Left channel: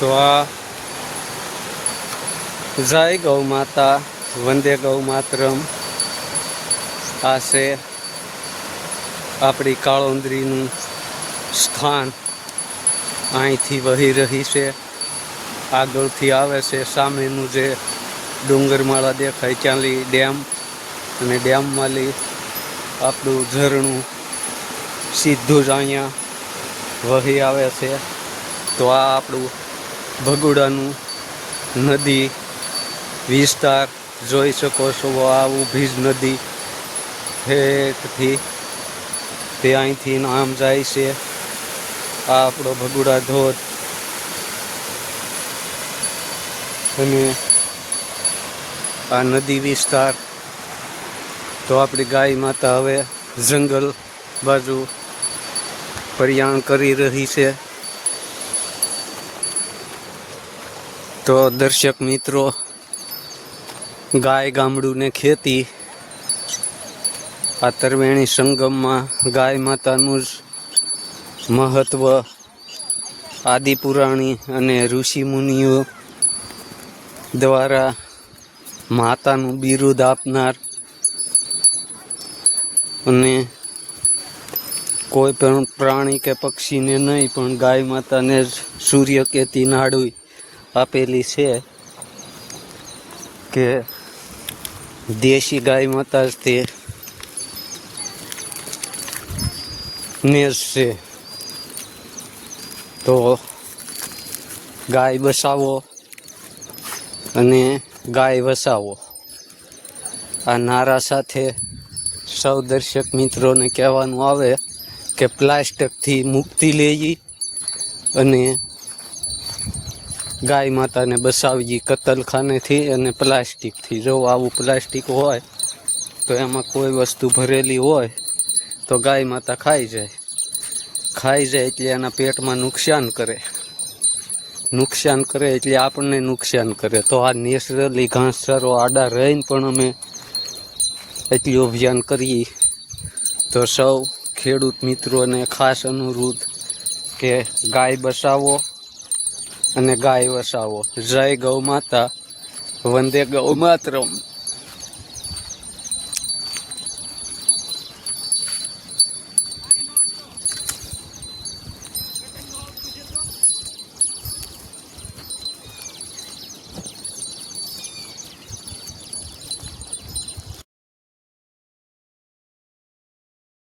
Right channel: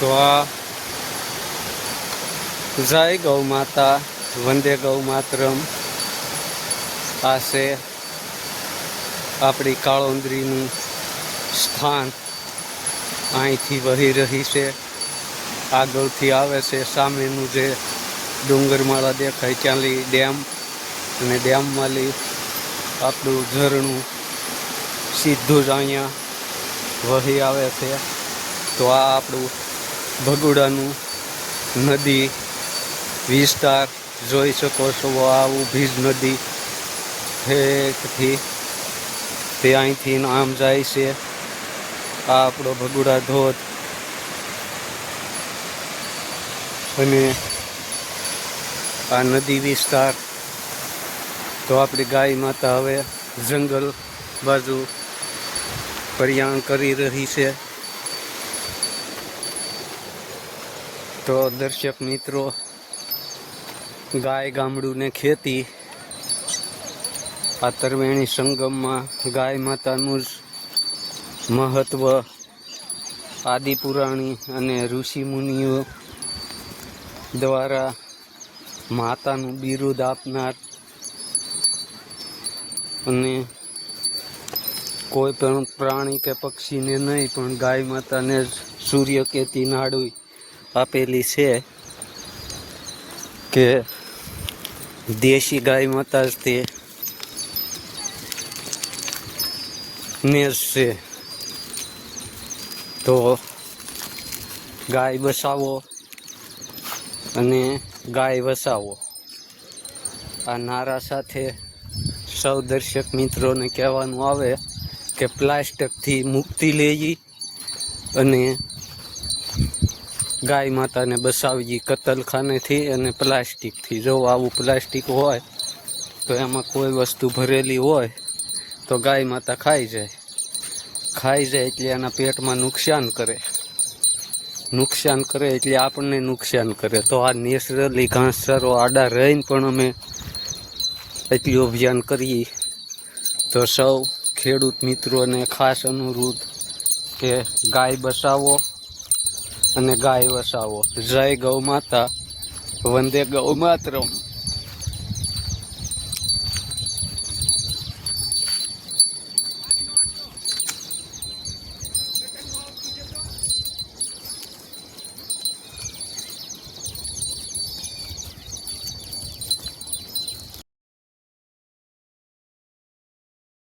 તો આ જય ગૌ માતા, વંદે ગૌ માતરમ. આ છે આપણી કાળુંદરીનું સ્થાન અહીંથી વહી રહી છે. આગળથી આવે છે સામેનું જે ડુંગરમાળા દેખાય, ત્યાંલી ડેમ અને ડેમવાળી આપણું ઝરણું સીધું જ અહીંયા વહી આવે છે. તો આ આપણું ભગોડાનું નદી વિસ્તાર જોઈ શકો છો. આ ઊભી નદી ઠેઠથી તે અહીંથી આમ જાય છે. આ આપણો ભગુડા ધોધ અને આ નદી વિસ્તાર. તો આપણી ગાય માતા હવે જંગલ બાજુ પરિયાણ કરી રહી છે. તો દર્શક મિત્રો, ગાય ગામડું ને ખેતી આ તરવેણી સંગમમાં ગાય માતાનું જ મહત્ત્વ આદિપુરાણી અને ઋષિ મુનિઓ દ્વારા માતાનું બિરુદ આપનાર અને કોઈ પણ પ્રાણી કે પક્ષીને નહીં, પણ ગાય માતાને જ સૂર્ય કેતી નાડું આપેલી છે કે દેશી ગાય માતા તે છે. તો ગાય બસાવો અને ગાય વસાવો. આ નારા સાથે સૌ દર્શક મિત્રોને કહેવાનું આવે કે પ્લાસ્ટિકથી મુક્તિ લેવી અને ગાય માતાને બસાવી કતલખાનેથી અને પ્લાસ્ટિકથી. જો આવું પ્લાસ્ટિક હોય, તો એમાં કોઈ વસ્તુ ભરેલી હોય, તો ગાય માતા ખાઈ જાય. ખાઈ જાય એટલે એના પેટમાં નુકસાન કરે. નુકસાન કરે એટલે આપણને નુકસાન કરે. તો આ નેચરલી ઘાસચારો આડા રહીને પણ અમે એટલી અભિયાન કરીએ. તો સૌ ખેડૂત મિત્રોને ખાસ અનુરોધ કે ગાય બસાવો. અને ગાય વસાવો. જય ગૌ માતા. વંદે ગૌ માતરમ.